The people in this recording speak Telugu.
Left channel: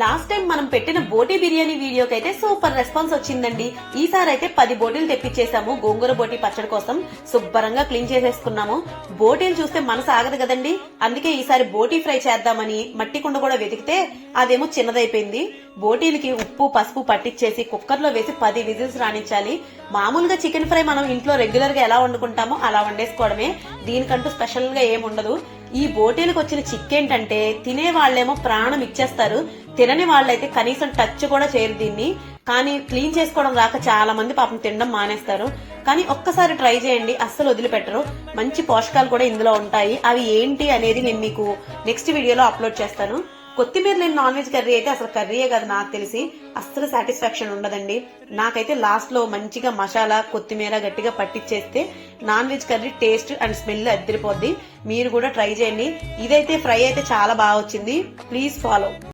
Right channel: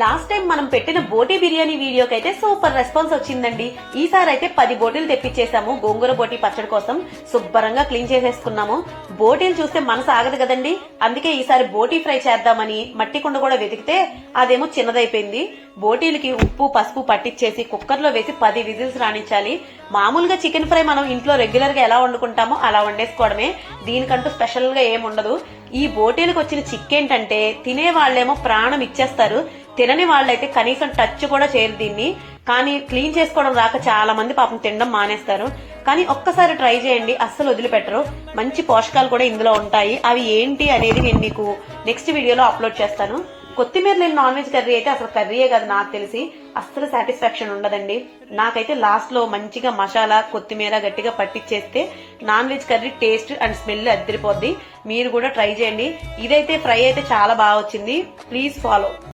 లాస్ట్ టైం మనం పెట్టిన బోటీ బిర్యానీ వీడియోకి అయితే సూపర్ రెస్పాన్స్ వచ్చిందండి. ఈసారి అయితే 10 బోటీలు తెప్పించేసాము గోంగూర బోటీ పచ్చడి కోసం. శుభ్రంగా క్లీన్ చేసేసుకున్నాము. బోటీలు చూస్తే మనసు ఆగదు కదండి, అందుకే ఈసారి బోటీ ఫ్రై చేద్దామని మట్టి కుండ కూడా వెతికితే అదేమో చిన్నదైపోయింది. బోటీలకి ఉప్పు పసుపు పట్టించేసి కుక్కర్ లో వేసి 10 విజిల్స్ రాణించాలి. మామూలుగా చికెన్ ఫ్రై మనం ఇంట్లో రెగ్యులర్ గా ఎలా వండుకుంటామో అలా వండేసుకోవడమే, దీనికంటూ స్పెషల్ గా ఏముండదు. ఈ బోటీలకు వచ్చిన చిక్ ఏంటంటే తినే వాళ్ళేమో ప్రాణం ఇచ్చేస్తారు, తినని వాళ్ళైతే కనీసం టచ్ కూడా చేయరు దీన్ని. కానీ క్లీన్ చేసుకోవడం రాక చాలా మంది పాపం తినడం మానేస్తారు. కానీ ఒక్కసారి ట్రై చేయండి, అస్సలు వదిలిపెట్టరు. మంచి పోషకాలు కూడా ఇందులో ఉంటాయి. అవి ఏంటి అనేది నేను మీకు నెక్స్ట్ వీడియోలో అప్లోడ్ చేస్తాను. కొత్తిమీర లేని నాన్ వెజ్ కర్రీ అయితే అసలు కర్రీయే కాదు, నాకు తెలిసి అస్సలు సాటిస్ఫాక్షన్ ఉండదండి. నాకైతే లాస్ట్ లో మంచిగా మసాలా కొత్తిమీర గట్టిగా పట్టించేస్తే non veg curry taste and smell అద్దరిపోద్ది. మీరు కూడా ట్రై చేయండి. ఇదైతే ఫ్రై అయితే చాలా బాగా వచ్చింది. Please follow.